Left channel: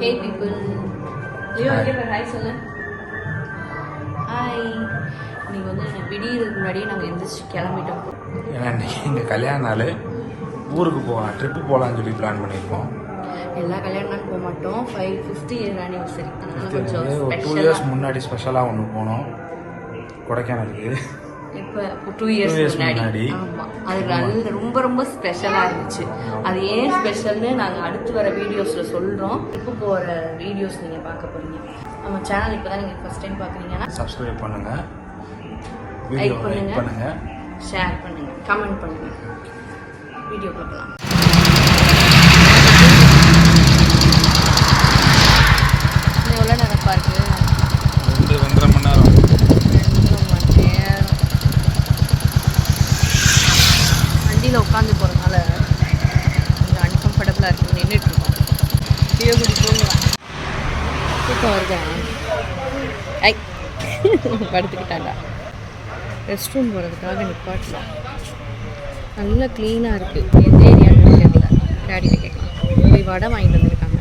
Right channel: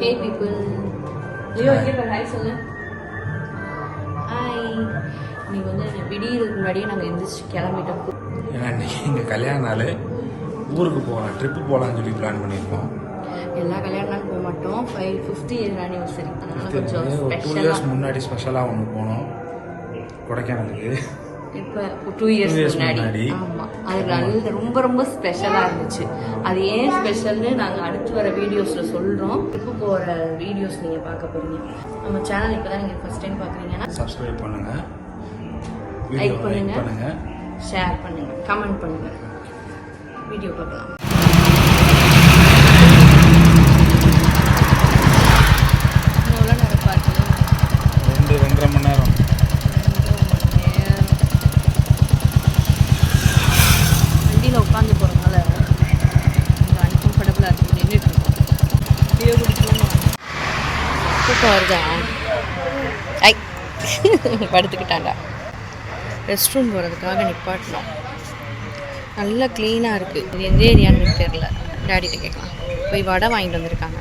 Hey people. ஐயோ இங்கே hi சொல்லு. ஹாய். இன்னைக்கு வந்து திடீருக்கு முன்னாடியே நாங்கள் எந்திரிச்சு கிளம்பிட்டோம். ஏன்னா எங்கள் கல்யாண நாள் ஊருக்கு போகலாம், ட்ரிப்பு போகலான்னு சொல்லி பிளான் பண்ணியிருக்கோம். எல்லா கல்யாண நாள் போக மாட்டோம். 50th year anniversary. ஒரு 2 years முன்னாடி ஸ்பெஷலாக ஒன்று போனோம் கொடைக்கானலுக்கு. இப்போ 2 years முன்னாடி. ஆமாம், அது ரொம்ப ரொம்ப ஸ்பெஷலாக இருந்துச்சு. அது ஏன் ஸ்பெஷல்னு நாங்கள் அடுத்து வர வீடியோஸில் சொல்கிறோம். ட்ரிப்பு போகிற வீடியோஸ் நீங்கள் பார்க்க போகிறீங்க. நம்ம சேனல் இப்போ தான் நீங்கள் ஃபஸ்ட் டைம் பார்க்குறீங்கன்னா சப்ஸ்கிரைப் பண்ணுங்கள், வீடியோ லைக் பண்ணுங்கள், ஷேர் பண்ணுங்கள், கமெண்ட் பண்ணுங்கள். வீடியோ பார்க்கலாம். எவ்வளோ நேரம் பார்க்குது? 2-2.5 மணி நேரம். வண்டியில் உட்காந்து போகிறதுனால கொஞ்சம் அன்கம்ஃபர்டபுளாக இருக்குது. நின்றுட்டுருக்கோம். தூக்கம் வருதா? ஐ படுத்துக்கிட்டாண்டா. ரெஸ்ட் ரூம் போகிறதுக்காக நிப்பாட்டலாம். நல்லா க்ளீனாக இருக்குது. எந்த ஏரியான்னு தெரியல. டேடிகிட்ட கேட்கலாம். போய் வடை வாங்கிட்டு வந்திருக்காங்க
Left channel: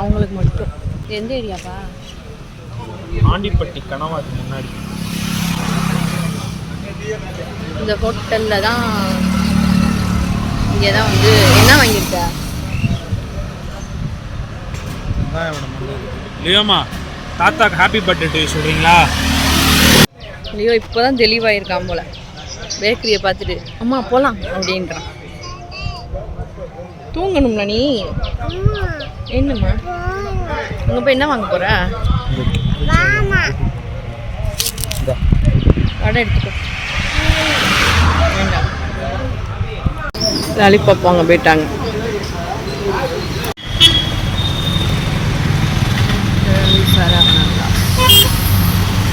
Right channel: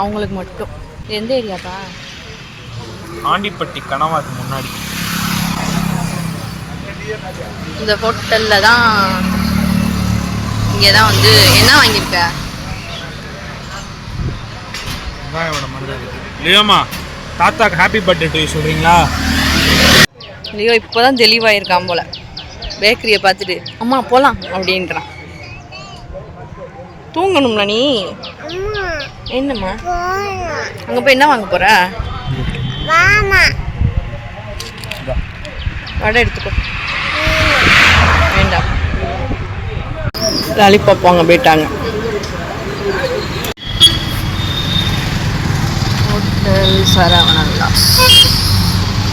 அவங்களுக்கு மட்டும். எந்த ஏரியாப்பா? ஆண்டிப்பட்டி கனவாக்கு முன்னாடி. இந்த ஹோட்டலில் தான். இங்கே தான் வந்து என்ன வாங்கியிருக்க? லியோமா, தாத்தாக்கு ஹாப்பி பர்த்டே டு சொல்கிறீங்களா? லியோ இப்போ தான் தெளிவாயிருக்கான் போல். பேக்கரியை பார்த்துட்டு அம்மா போகலாம் அப்படின்றான். தூங்கணும்ல நீ? என்னம்மா அங்கே போய் என்ன வாங்க போகிற? வடை எடுத்துக்கோ. வேண்டாம். லாலிபாப் வாங்க போயிட்டாங்க. ஹோட்டல் சரவணா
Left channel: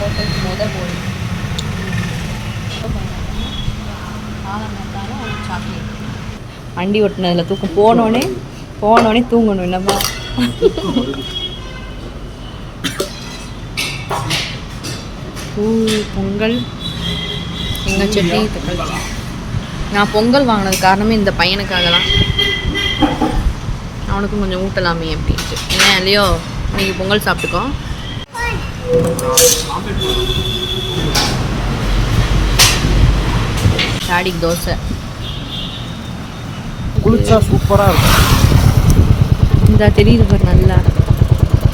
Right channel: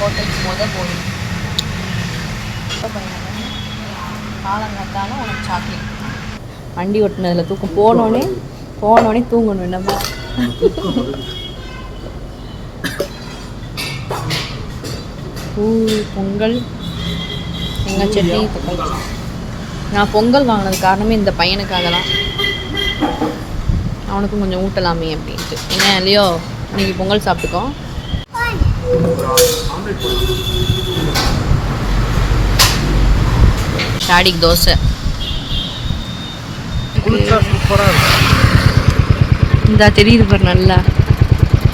ஹோட்டலுக்கு போய் சாக்லேட் வண்டி ஓட்டினதில் தூக்கம். போனோடனே தூங்கணும். என்னப்பா பொங்கல், எங்கள் சட்னி, தக்காளி. நான் பொங்கல் வாங்கினது காரணமே இந்த பையனுக்காக தான். அவனுக்கும் கொஞ்சம் ஊட்டலாமே அப்படின்ட்டு. என்ன இல்லையோ இன்னைக்கு பொங்கல் சாப்பிட்டுக்கோ. டாடிக்கு தோசை. சூப்பராக இருக்கும். இந்த தெரியுது பாரு நல்லா.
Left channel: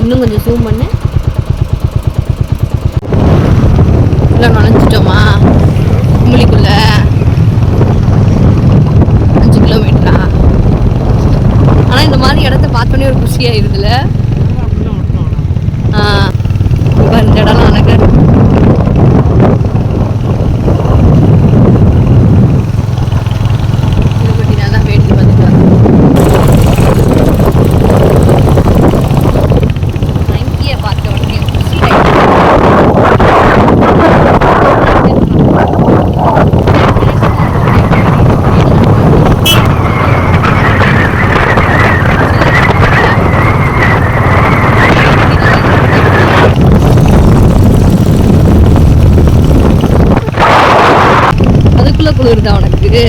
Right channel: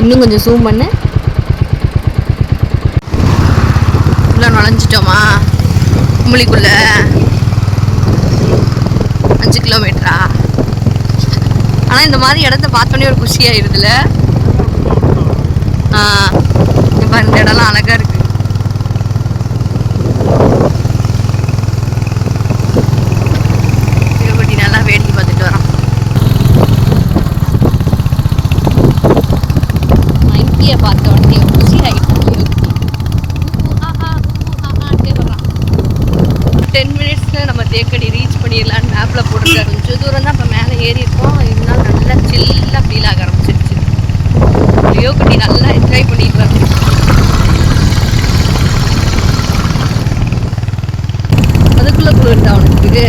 இன்னும் கொஞ்சம் ஜூம் பண்ணு. உள்ள நுழைஞ்சிட்டோமா கும்பலிக்குள்ள? 5 கிலோமீட்டரா? ஆனால் இந்த மாதிரி இடத்த பார்த்தோன்னே ஒரு குஷியாயிருதுல. இப்போ இந்த இடம்லாம் அழகாக இருக்கு. திருப்பதி நல்லா வேடிக்கை பார்த்துட்டு வரோம். 90 பார்த்த உடனே குஷி ஆகிடுச்சு. 10 மினிட்ஸில் நம்ம தேக்கடி ரீச் பண்ணிடலான்னு ஆப்பில் போட்டுருக்காங்க. கொஞ்சம் தூரம் தான் மேலே ஏறி இருக்கோம். சில்லெல்லாம் ஃபீல் ஆகிடுச்சு. யோகி நல்லா ட்ரை பண்ணிக்கலாம். அதுக்குள்ளே குளிருதா உனக்கு?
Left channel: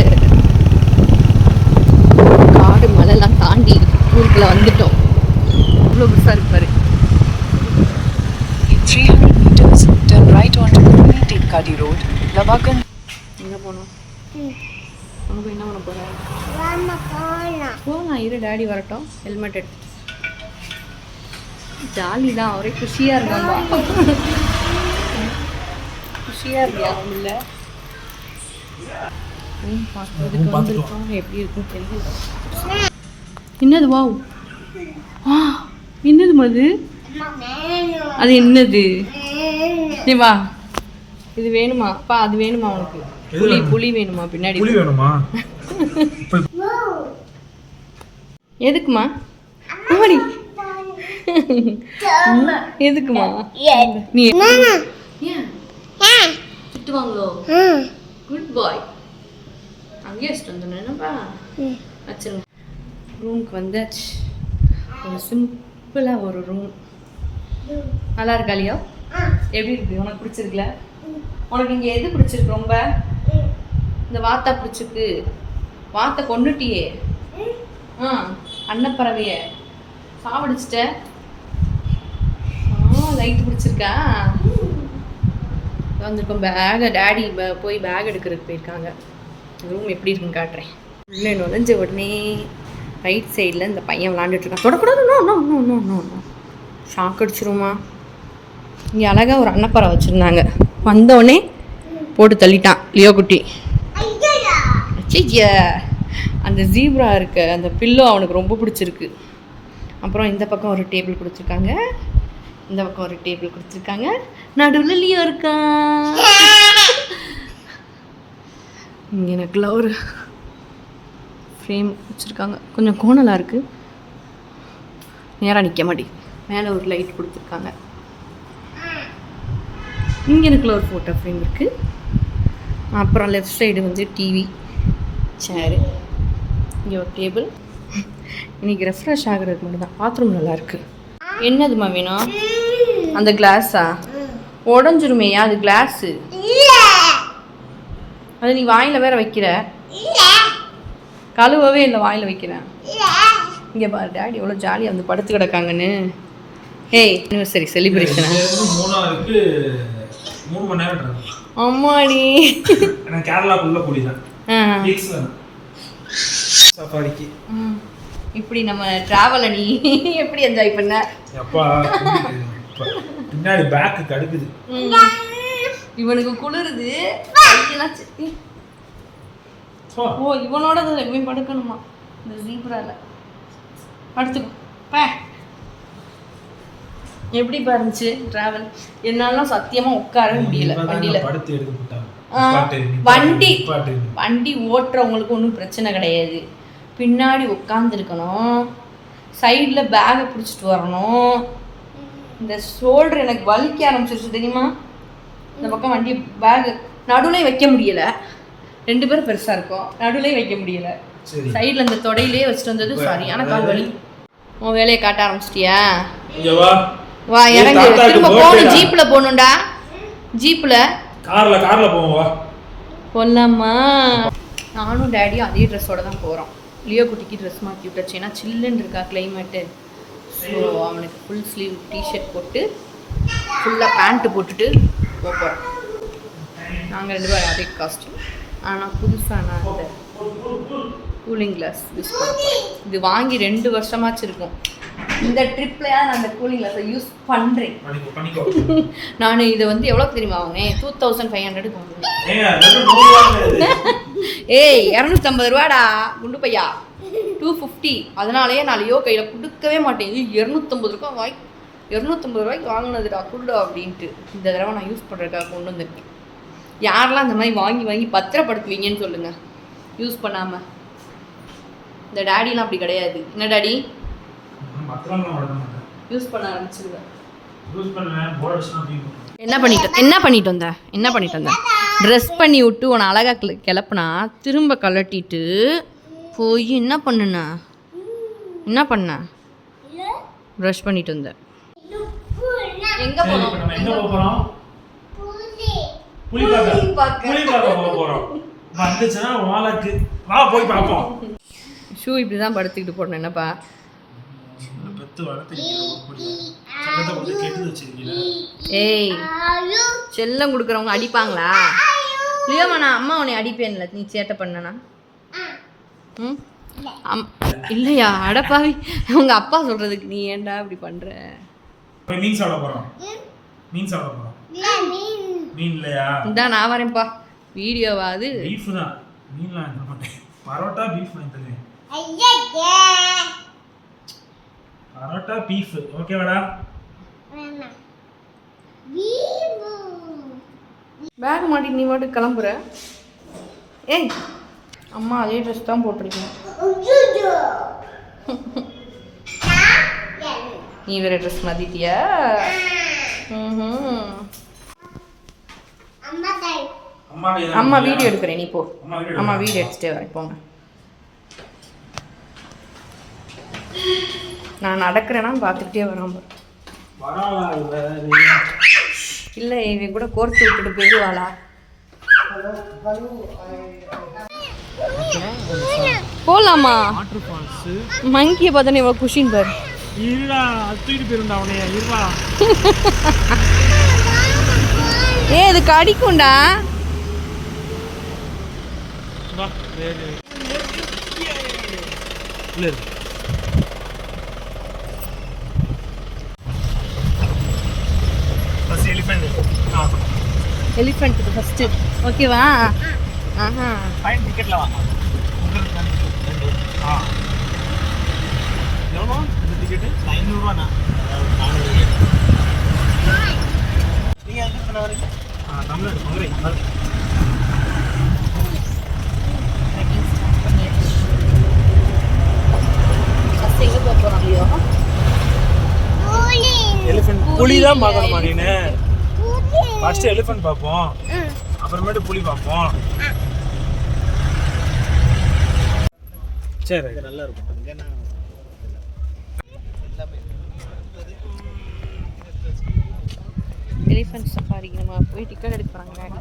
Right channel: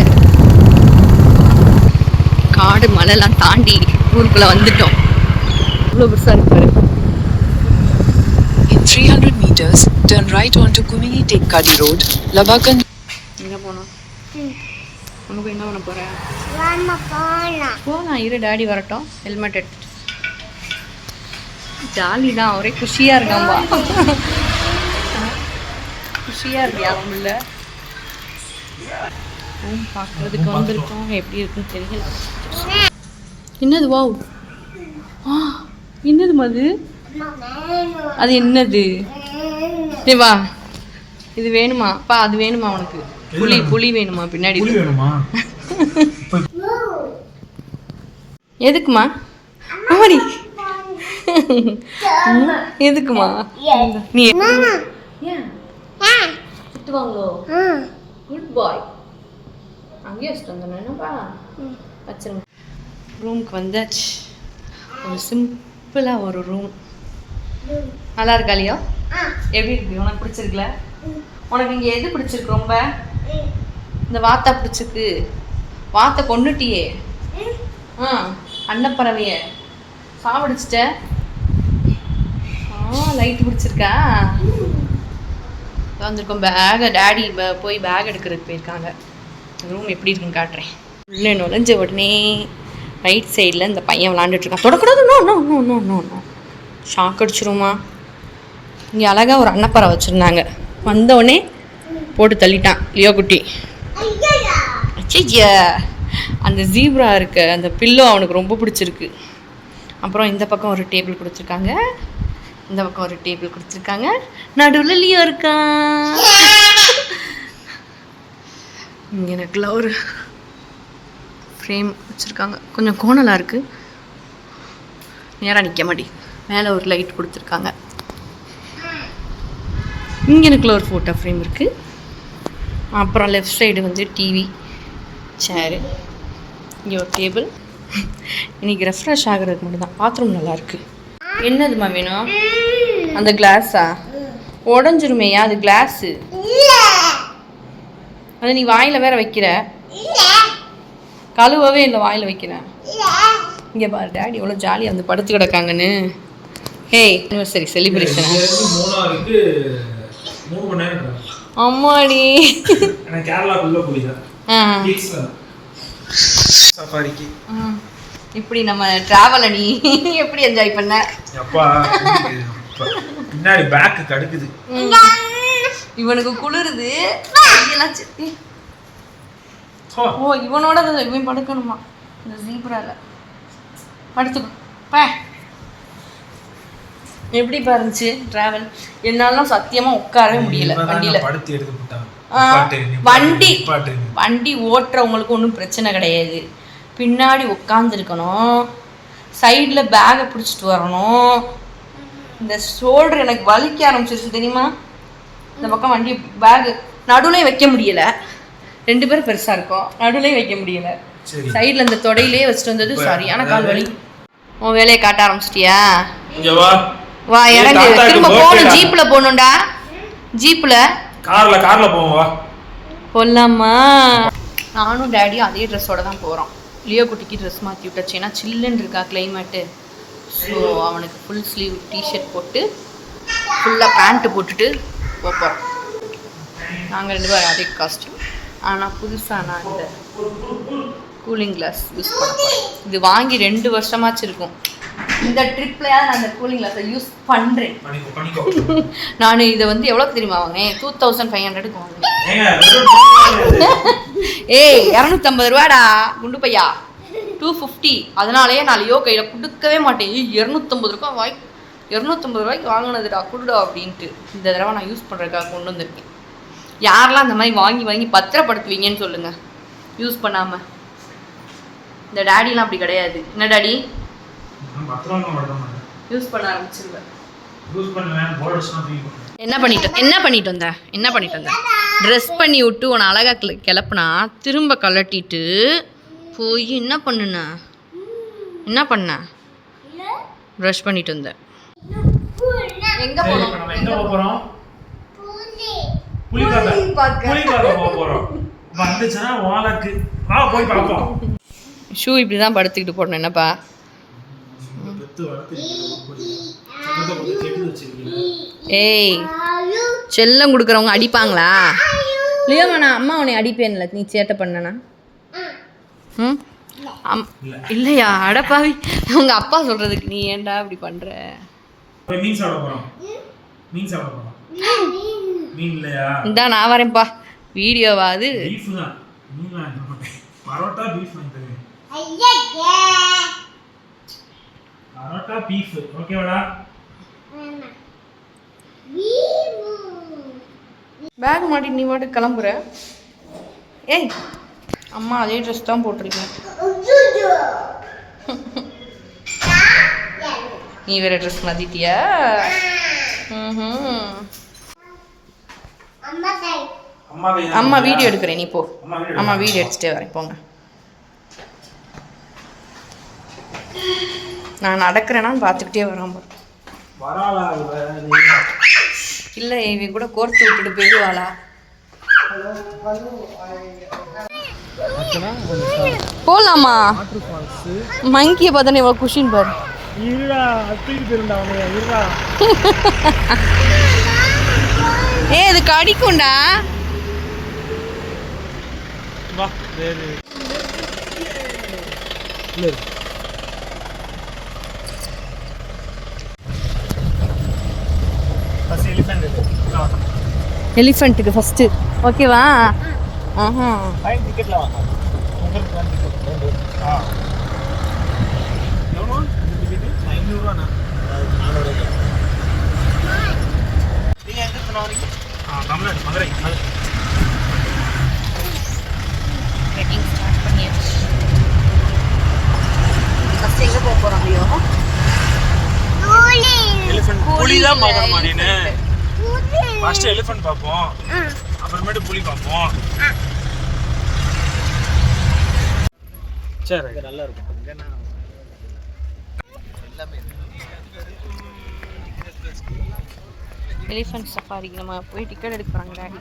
காடு மலைலாம் தாண்டி ஊருக்குள்ளே வந்துட்டோம். இவ்வளோ பெருசாக இருப்பாரு. In 300 meters, turn right onto Kumini Tekkadi Road, Labakan. எங்கே போனோம்? அங்கே போய் என்ன பண்ண போகிறேன்? போகலாம், இரு டாடி வரட்டும். ஹெல்மெட் எடுத்துட்டு. ஜாலி தான், ஒரே குஷியாக இருக்காம்பா. குஷியாக இருக்கியா உள்ள? பார்க்குறதுக்கு வந்திருக்கோம். எப்படி இருக்குன்னு தெரியல. என்னது? வாவ், என்னது மது? அது என்னது? நீ வா. இது வேணுமா? அப்பா அது வேணுமா உனக்கு? புளி வேணுமா? பின்னாடி வேணுமா? எதுக்குமா? ஆமாடி. எதுக்குமா? நீ திட்டுவாங்களோ? குட் பாய். அங்கேயே வச்சுட்டு வந்தோம். என்னப்பா வச்சிருங்க. ரூமுக்கு வந்தாச்சு. ஒரு சிம்பிளாக ஒரு ரூம். நல்லா இருக்கா இல்லையோ? எப்படி இருக்கு? உனக்கு பிடிச்சிருக்குல? உனக்கு இங்கே எது பிடிச்சிருக்கு ரொம்ப? இந்த வாத்தா பிடிச்சிருக்கு. வாத்தை கொண்டுட்டியே. அன்னப்பறவையே சாப்பிடுச்சிட்ட லைட் பிடிச்சிருக்கா வந்திருக்கோம். பேகை டாடி போய் பேக் எடுக்கிறதுக்கு போயிருக்காங்க. ரூம் எப்படி இருக்குன்னு காட்டுறேன். உள்ளே நுழைஞ்ச உடனே ரைட் சைடில் இந்த பையன் விளாண்டுட்ருக்கான். தொடக்கூடாது. நோ ஷாக் அடிச்சிருமா. இங்கே அழகாக ஒரு அன்னப்பறை வச்சுருந்தாங்க. வந்தோடனே போட்டு தள்ளிட்டான் லியோ குட்டி. அச்சையா, அந்த ஜீப்ரா இருக்க அந்த பில்லோ அவனுக்கு ரொம்ப பிடிச்சிருக்கு. அப்புறம் இந்த பக்கம் ஒரு டேபிள் கொடுத்துருக்காங்க, இந்த பக்கம் ஒரு டேபிள் கொடுத்துருக்காங்க, நடுவில் லியோ இருக்கான். இங்கே எனக்குள்ள ஒரு ஃப்ரேம் வச்சுருக்காங்க. கொஞ்சம் கோணலாக இருக்குது, நேராக நிற்க மாட்டி. மேலே ஒரு லைட் கொடுத்துருக்காங்க. இங்கே எனக்குள்ள ஒரு ஃபோட்டோ ஃப்ரேம் இருக்குது. அப்புறம் லெஃப்ட் சைடு வந்து டிவி, சேரு, இங்கே ஒரு டேபிள். இன்றைக்கி ரெஃப்ரெஷ் ஆகிறதுக்கு மட்டும்தான். பாத்ரூம் நல்லாயிருக்கு. என்னதுமா வேணும்? அந்த கிளாஸா? உடஞ்சிருமேயா அது கிளாஸு. அது நீ வாயில் வேற வைக்கிற, கழுவவே இல்லை வாயில் வைக்கிறேன். இங்கே பாரு டாடி எவ்வளோ ஜாலியாக வந்து படுத்து கிடக்காங்கன்னு. ஹேய் சரி செலிப்ரேஷன். அம்மாடி கேரளாக்குள்ள போயிதான் சஃபாரிக்கு. இப்படி நம்ம டிராவலை நீ எப்படி என்ஜாய் பண்ண? அப்பா பின்னாடி பேக் கடுக்குது. இவனுக்கு குளிருது. ஓ இவனோட இவன் படுக்கணுமா இந்த ஜீப்ரால? படுத்துக்கோ. எப்படி இருந்துச்சு டிராவல்? என்னாலும் சத்தியமாக உட்காரவே முடியல வண்டியில். படுத்து எடுத்து போட்டாங்க. வண்டி ஓட்டுறவங்களுக்கு ஒன்றும் பிரச்சனை கிடையாது. பின்னாடி உட்காந்துருக்கணும், சைடில் பேகை பிடிச்சிட்டு வரணும். இந்த ஷோல்டர் எனக்கு வலிக்க ஆரம்பிச்சிருச்சு தெரியுமா? இந்த பக்கம் வண்டி பேகு நடுவுலையும் வைக்க முடியலை. 2 பேரும் பெருசாக இருக்கும், நடுவுலையும் வைக்க முடியலை. சைடில் இந்த தொடையிலே வச்சுட்டு வந்தது சரியான கால் வலி. உன் வேலையை காட்ட ஆரம்பிச்சிட்டியா? வா இறங்கு. திரும்ப போகணும், ஜீப்பில் போகணும்டா. ஜீப்பில் கார்ல போவோம். வா போலாமா? நானும் டேடியும் அதே ட்ரெஸ்ஸோட தான் போகிறோம். லியோ குட்டிக்கு ட்ரெஸ் மாற்றி விட்டாச்சு, ஏன்னா சில்லுன்னு இருக்கா கிளைமேட்டு. ஸோ அவனுக்கு ஃபுல் ஸ்லீவ் டிஷர்ட் போட்டு ஃபுல்லாக பேண்ட்டு போட்டுட்டு போகிறோம். நாங்கள் 2 பேரும் அதே காஸ்டியூம். ஆனால் புதுசாக நான் இந்த கூலிங் கிளாஸ் யூஸ் பண்ண போகிறேன். இது வாங்கி 2 வருஷமாச்சு இருக்கும். இந்த ட்ரிப்லையாவது நான் அந்த கூலிங் கிளாஸை யூஸ் பண்ணுறேன். நான் இதை வந்து எவ்வளோக்கு தெரியுமா வாங்கினேன்? 2500க்கு வாங்கினேன். ஏய் 250 ரூபாடா குண்டு பையா. 250. அதனாலேயே நான் லியோ கையில் கொடுக்கவே மாட்டேன். 250 ரூபாய்க்கு வாங்கினதுடா கொடுடா அப்படின்ட்டு இந்த தடவை நான் யூஸ் பண்ணுறதுக்காக கொண்டு வந்திருக்கேன். யாரெல்லாம் அந்த மாதிரி வாங்கி பத்திரப்படுத்துவீங்கன்னு சொல்லுங்கள் யூஸ் பண்ணாமல். இந்த டாடிலாம் அப்படி கிடையாது. என்ன டாடி? யூஸ் பண்ண ஆரம்பிச்சிருவேன். என்ன பண்ணிட்டு வந்த? ட்ரெஸ் பண்ணி விட்டு உன்னை அழகாக கிளப்புனா திரும்ப கலட்டிட்டு போய் என்ன பண்ண? ப்ரஷ் பண்ணிட்டு வந்த. எங்க போறோம்? புலி பார்க்க போறோம். வந்துச்சுனா வாலக்கு வா போய் பாப்போம். ஷூ இப்படி தான் படுத்துக்கிட்டு போடணும். என்னப்பா ஏய் செல்லம் கொடுக்குறவங்க அடிப்பாங்களா? லியோமா நான் அம்மா உன்னை அடிப்பேன்ல நீ சேட்டை பண்ணனா? இல்லையா? அடப்பாவி, உங்கள் அப்பா சொல்கிறதுக்கு நீ ஏன்டா இப்படி பண்ணுற? இந்தா நான் வரேன்ப்பா. வீடியோவாது பரோட்டா பீஃப் ஓகேவாடா? பேக் மாட்டிட்டு நீ பாட்டு கிளம்புற. ஏய் அம்மா அதே ட்ரெஸ் தான் போட்டிருக்கேன். நீ வேற ட்ரெஸ் மாத்திட்டியா? அம்மா வீடியோ எடுக்கிறேன், நீ போ. அம்மா வீடியோ எடுத்துகிட்டே வரேன், போங்க. நான் நடக்கிறேனான்னு பார்த்துக்கிட்டே வராம இல்லை இவன் கூட கோர்த்து விட்டுட்டு போயிடுவாளா? போகலாமா? மங்கியை பார்த்தோன்னே இவ்வளோ குஷின் பாரு. ஏ இது கடிக்கும்டா. எலிஃபென்ட்டுக்கு ஃபர்ஸ்ட் ஓகேவா? ஆஹா டிக்கெட்ல வாங்க. டிக்கெட் 500 ரூபாண்ணா. 400. நீங்க எங்க இருந்து வரீங்க? தமிழ்நாடு, மதுரை. ட்ரெக்கிங் ஸ்டார்ட் பண்ணியாச்சு. ஃபர்ஸ்ட் எங்க போக போறோம்? ஐயோ எலிஃபென்ட் புலி தான் பார்க்கணும் மாடினே. ஃபர்ஸ்ட் எலிஃபென்ட் பார்ப்போம், அப்புறமேட்டு புலி பார்ப்போம். சரி நல்லா இருக்கும். எலிஃபென்ட் சஃபாரிக்கு நம்ம போய் டிக்கெட் எடுக்கிறாங்க டாடி.